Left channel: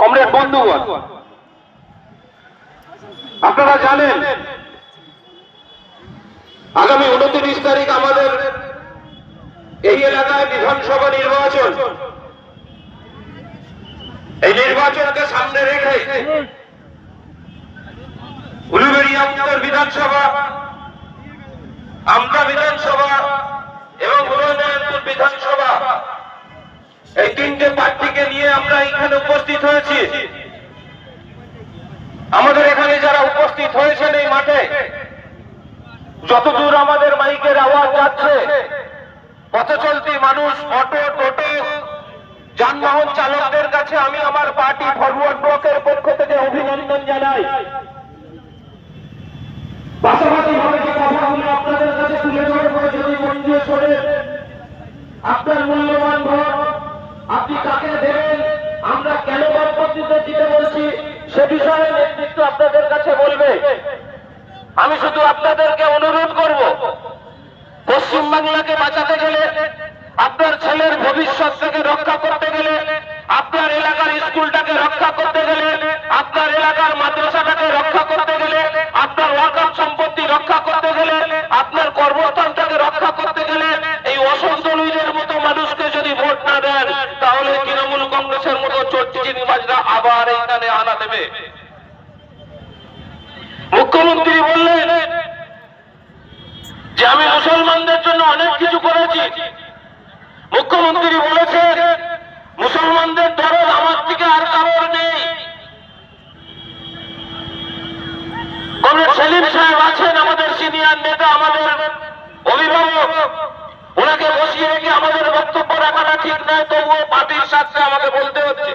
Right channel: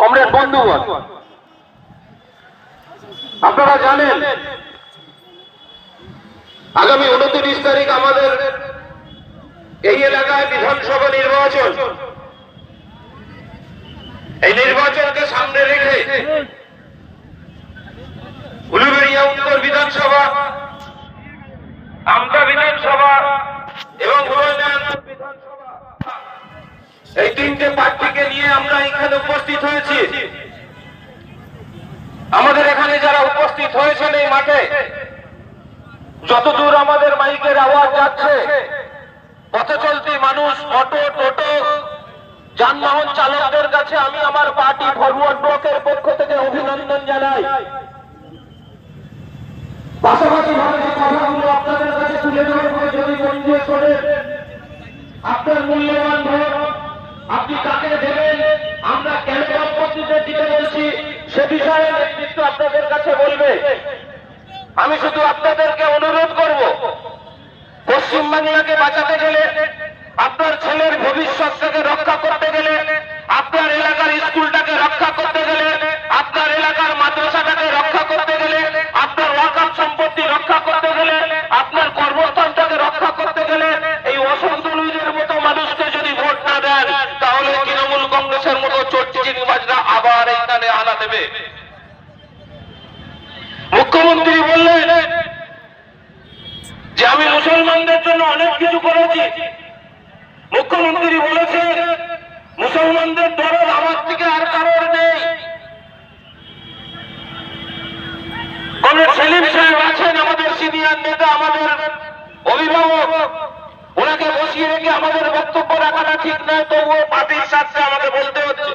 Comrade বন্ধুগণ, আপনারা জানেন আগামী 29 তারিখ আমাদের এই এলাকায় বিধানসভা নির্বাচন। এই নির্বাচনকে সামনে রেখে উলুবেড়িয়া উত্তর বিধানসভা, আমতা বিধানসভা এবং হুমায়ুনপুর বিধানসভা, এই তিনটে প্রার্থীকে নিয়ে আমরা এখানে উপস্থিত হয়েছি। আমাদের এখানে যারা উপস্থিত হয়েছেন এই মাঠে, যতদূর আমাদের মাইকের আওয়াজ যাচ্ছে, পথে চলতি মানুষ, অটো, টোটো, যানবাহন চালকদের কাছে আমি আমার পার্টি ফরওয়ার্ড ব্লকের পক্ষ থেকে অভিনন্দন জানাই। পাশাপাশি ভাবে যে কথাগুলো আপনাদের কাছে তুলে ধরবো, যদি মন দিয়ে শোনেন, আপনার মূল্যবান ভোট আপনি কাকে দেবেন, আমরা কেন বাম পদ্ধতিতে দিতে বলছি, সে বিষয়ে নেতৃত্ব আপনাদের কাছে বলবে। আমি শুধু আপনাদেরকে অনুরোধ করব, পশ্চিমবাংলাকে বাঁচাতে গেলে, আপনার ছেলের ভবিষ্যৎটাকে রক্ষা করতে গেলে, আপনার এলাকার স্কুলটাকে রক্ষা করতে গেলে, আপনার এলাকার মাদ্রাসাটাকে রক্ষা করতে গেলে, আপনার ওয়াকফ সম্পত্তি রক্ষা করতে গেলে, আপনার কর্মস্থানটাকে রক্ষা করতে গেলে, এই অসন্তোষের মতো মানুষকে যদি ভোট না দেন, তাহলে তৃণমূল কংগ্রেসের মতো চোরচিটিবাজরা আবার এখানে আনা দেবে। মুখ্যমন্ত্রী বললেন যে আমি মুসলমানদের জন্য অনেক কিছু করেছি। মুখ্যমন্ত্রী বলেছে মুসলমানদের দরদ আমার থেকে আর কারোর নেই। কমরেড সেলিম সাহেব আছেন, আমাদের সিনিয়র নেতা, আমাদের অভিভাবক, ওনাকে বসিয়ে রেখে আমাদের বক্তব্য রাখাটা ঠিক নয়, তবুও পার্টির স্বার্থে আমাকে বলতে হচ্ছে।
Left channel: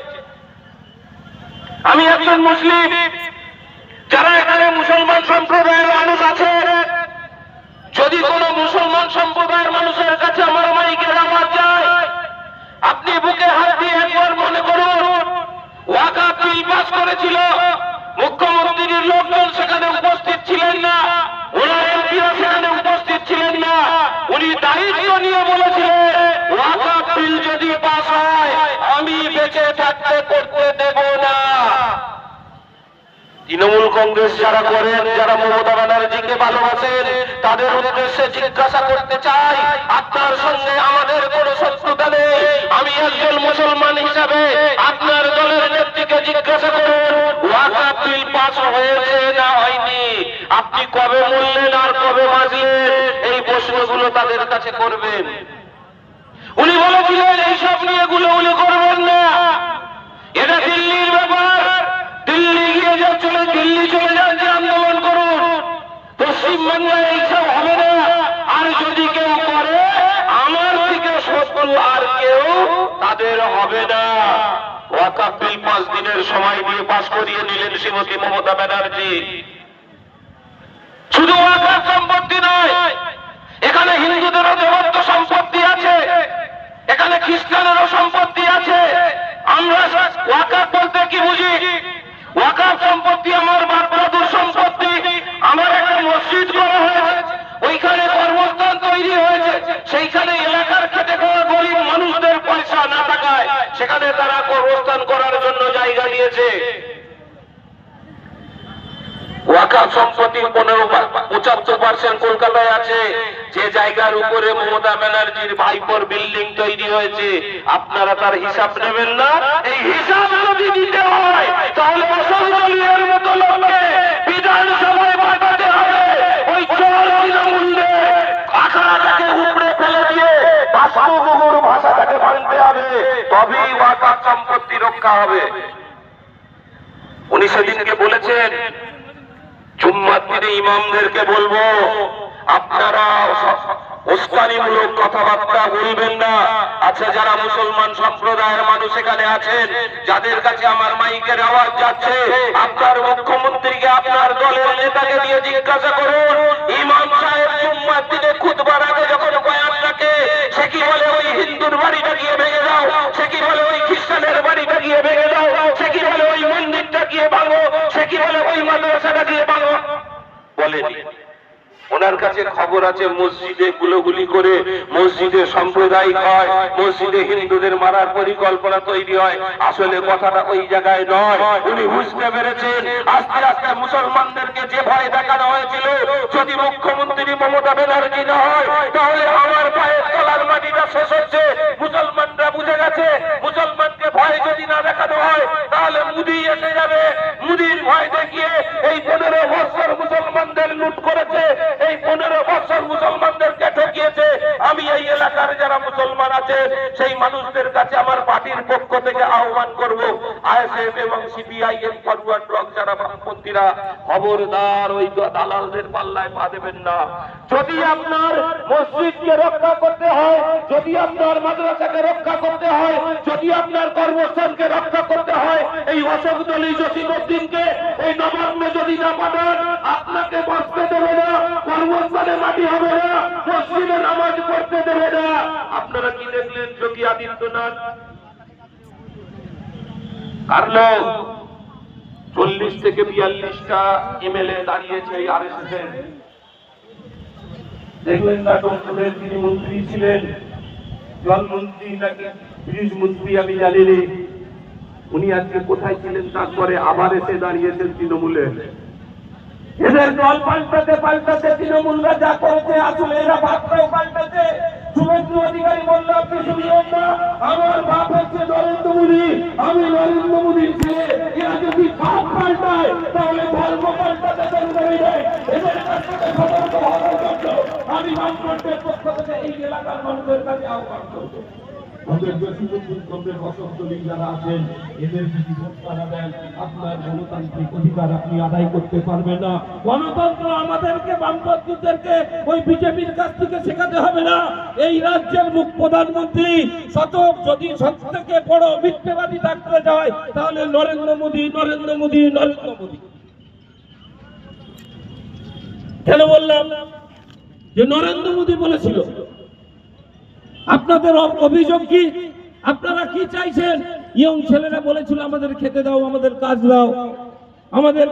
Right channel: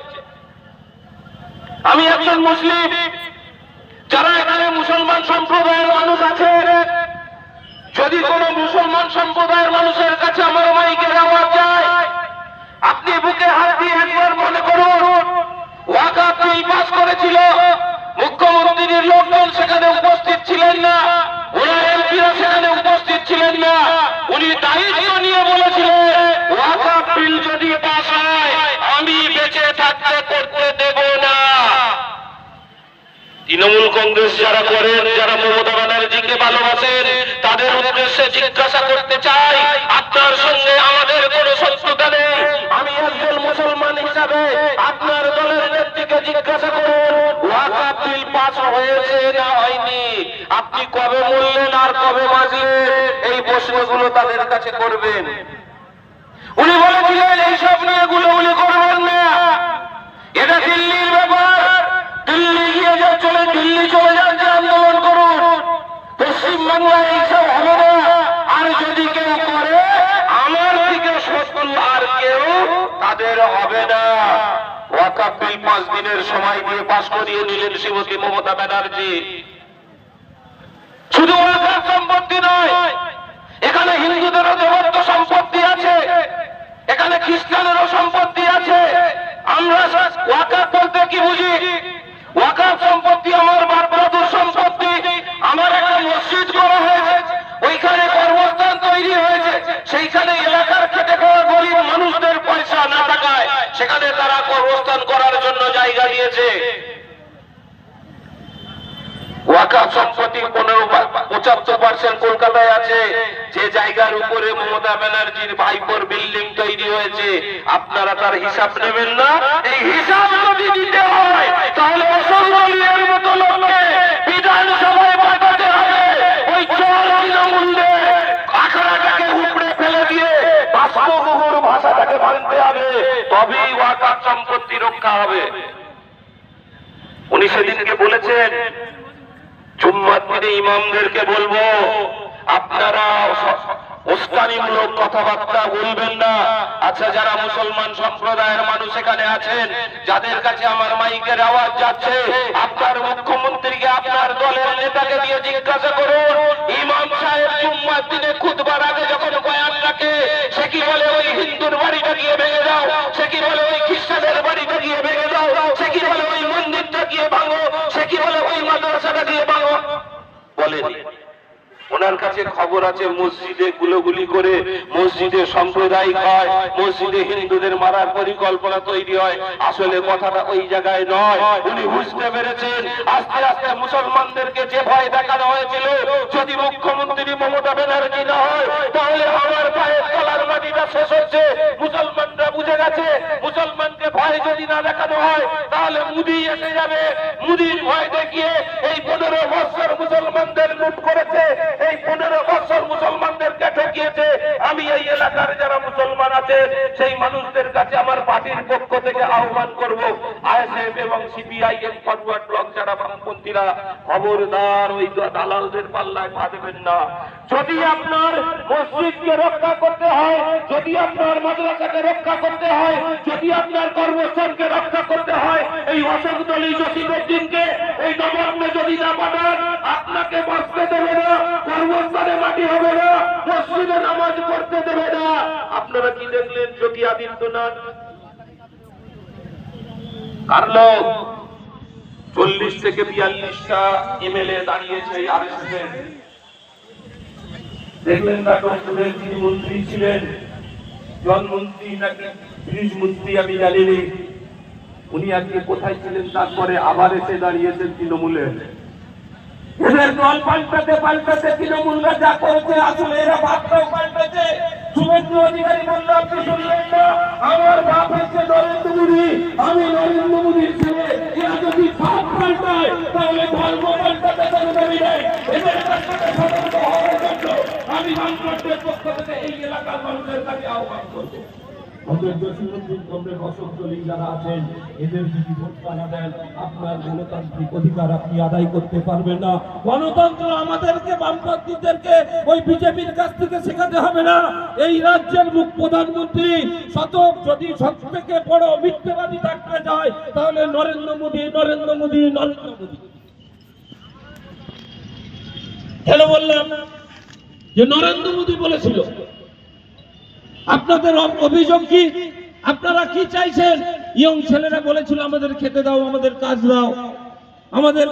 আমি একজন মুসলিম, যারা এখানে মুসলমান সম্প্রদায়ের মানুষ আছে, যদি কোন মুসলমান সম্প্রদায়ের মানুষের কাছে আমার মাইকের আওয়াজ যায়, আপনি বুকে হাত দিয়ে একবার মনে করুন, ওয়াকফ বিল পাস করেছিল, মুখ্যমন্ত্রীর লোকজন সেখানে উপস্থিত ছিলেন না, ওনার এমপিও সেখানে উপস্থিত ছিলেন না, উনি দায়িত্ব নিয়ে বলেছিলেন ওয়াকফ বিল যদি পাস হয় আমি বেঁচে থাকতে করতে দেব না। তৃণমূল কংগ্রেস যারা করেন, যারা মমতা ব্যানার্জিকে ভালোবাসেন, তাদের উদ্দেশ্যে জিজ্ঞাসা করতে চাই, আপনার সঙ্গে আমাদের কোনো শত্রুতা নেই। আমি একজন মুসলমান হিসাবে আপনার দলের নেত্রীকে জিজ্ঞাসা করুন, ওয়াকফ বিল পাস হয়েছে না হয়নি, আপনি কবে বললেন আর কবে বাঁচলেন, এই প্রশ্নগুলো তাদের কাছে করবেন। উনি বলেছিলেন এইসব নিয়ে গুলোগুলি করবেন না, এটা দিল্লির ব্যাপার, দিল্লি গিয়ে যে দিল্লি চলে যান, যে আন্দোলন করুন, পশ্চিমবাংলায় এইসব হবে না। আর যদি কেউ করে, আমার দিকে শত্রু আর কেউ তাদের হবে না। ওয়াকফ বিল 5 দিনের সময় দিয়ে পাস করিয়ে দিলেন শ্রীমতী মমতা ব্যানার্জি। শুধু ওয়াকফ সম্পত্তি নয়, এখানে হিন্দুদেরও দেবত্ব সম্পত্তি আছে, এখানে খ্রিস্টানেরও সম্পত্তি আছে। আমরা ওয়াকফ বলতে কি বুঝি? ওয়াকফ সম্পত্তি আমার বাপ দাদুর সম্পত্তি। আমার একটা মসজিদ করা হয়েছে, ওইখানে কর্মস্থান তৈরি হয়েছে, সেইখানে এলাকার খেটে খাওয়া গরিব মানুষদের পয়সা না থাকায় সেখানে তারা কর্মস্থান করার জন্য জায়গা দিয়েছে। ওয়াকফ সম্পত্তির 75% কলকাতায় আছে, যে জায়গার উপরে মমতা ব্যানার্জির ভাইপোর বিল্ডিং তৈরি হয়েছে। আপনারা তার হিসাব নেবেন না? এই হিসাব যদি দিতে হয় তাহলে মুসলমানের মতো লোককে বিধানসভায় পাঠাতে হবে। ওই চল অন্যমূল্যে আখড়াটাকে উপড়ে ফেলে দিয়ে বাস্তবগুর ভাষাটাকে ভাঙতে হবে, তবেই ওয়াকফ সম্পত্তি রক্ষা হবে। উনি সেদিনকে বলেছেন, জুম্মার দিনে ইমামদেরকে বলবো, আপনারা উস্কানিমূলক কথাবার্তা বলবেন না। আচ্ছা, যারা মুসলমান সম্প্রদায়ের মানুষ এখানে আছেন, যাদের কাছে আমার মাইকের আওয়াজ যাচ্ছে, আপনার মুখ্যমন্ত্রীকে, আপনার দলের নেতাকে দিয়ে জিজ্ঞাসা করুন, ইমাম সাহেব জুম্মার দিনে খুতবার আগে যখন বয়ান রাখে, সে কি বলে ওই হিন্দুর বাড়িটা গিয়ে ভেঙে দাও, সে কি বলে ওই খ্রিস্টানের বাড়িটা গিয়ে ভেঙে দাও, সে কি বলে ওই মন্দিরটা গিয়ে ভাঙো, সে কি বলে ওই মাদ্রাসাটা গিয়ে ভাঙো? বলেনি। ওনার কাছে খবর আছে মসজিদে গুলোগুলি করে মসজিদে সাম্প্রদায়িক হয়, মসজিদে হিন্দুদের মারার পরিকল্পনা তৈরি হয়। আসলে কথাটা ওই জায়গায় নয়। উনি বুঝতে পেরেছেন আস্তে আস্তে মুসলমানদেরকে যে ভয় দেখানো হয়েছিল, যদি মুখ্যমন্ত্রী মমতা ব্যানার্জি না হয় তাহলে আমার পায়ের তলার মাটিটা শেষ হচ্ছে। মুসলমানরা বুঝে গেছে মুসলমানকে ভয় যদি না দেখানো হয় তাহলে মুদি এসে যাবে। মুদির ভয় দেখিয়ে এই 15 বছর মুসলমানদের লুট করেছে, এই 15 বছর মুসলমানদেরকে ঠকিয়েছে। আমি এই এলাকার যারা মুসলমান আছে সেই মানুষদের কাছে আমার পার্টির পক্ষ থেকে আহ্বান করব, আইএসএফ এবং সিপিআইএম ফরওয়ার্ড ব্লক যারা বামপন্থীরা, খবরদার ওই দালালদের পাল্লায় পা দেবেন না। যদি আপনার মসজিদকে রক্ষা করতে হয়, যদি আপনার মাদ্রাসাকে রক্ষা করতে হয়, যদি আপনার কর্মস্থানকে রক্ষা করতে হয়, এই অশোক আলী জসিমউদ্দিনকে ওই নবান্ন যদি না পাঠান আপনাকে বসতে দেবে না, কর্মস্থানে মাটি হবে না, মসজিদে নামাজ পড়তে দেবে না। আপনারা কি দেখলেন যোগী আদিত্যনাথ? কারণ 40 থেকে 42টা এমএলএ দাঁড়িয়েছে এই আরএসএস এর। দেখলেন না ডক্টরের তিনি মন্ত্রী ছিলেন, জলমন্ত্রী নাকি পুলিশ মন্ত্রী আমি জানি না, উনি আজকে কোথায় ছিলেন তারপরে আবার এসে দাঁড়িয়েছেন তৃণমূলে। এদের দল পাল্টাতে পাল্টাতে তৃণমূলরা যা করেছে আসলে এরা ভাবটাও পাল্টাতে। শুভেন্দু অধিকারী বললে আপনি শুনলেন না, আমার বাপ হচ্ছে নরেন্দ্র মোদী, আমি নরেন্দ্র মোদীর ছেলে। এরা যদি ভাব পাল্টায় তাহলে ধর্ম পাল্টাতে দেরি নেই। এদের কাছ থেকে সতর্ক হওয়ার জন্য আমি বামফ্রন্টের পক্ষ থেকে এই এলাকার মানুষের কাছে আহ্বান করব। ওদের জসিমউদ্দিন কমরেড অশোক আলী যারা আছেন এদের যদি ধোক্কা না দেন আপনার গণতান্ত্রিক অধিকার আপনি আদায় করতে পারবেন না। গণতন্ত্র আমাদেরকে বামপন্থীদেরকে ওই বিজেপির কাছ থেকে শেখাতে হবে না। এই রাজ্যের মুখ প্রধানমন্ত্রী শতক যদি সব থেকে বড় মিথ্যাবাদী থাকতে যায় তাহলে নরেন্দ্র মোদী, নরেন্দ্র মোদী, নরেন্দ্র মোদী। কেন বললাম যে নরেন্দ্র মোদী বলেছিল? আপনাদের অভিযোগ কি? আপনারা কি চাইছেন? ইয়ং ছেলেরা বলেছিল আমাদের খেতে দাও, আমাদের কাজ দাও, আমাদের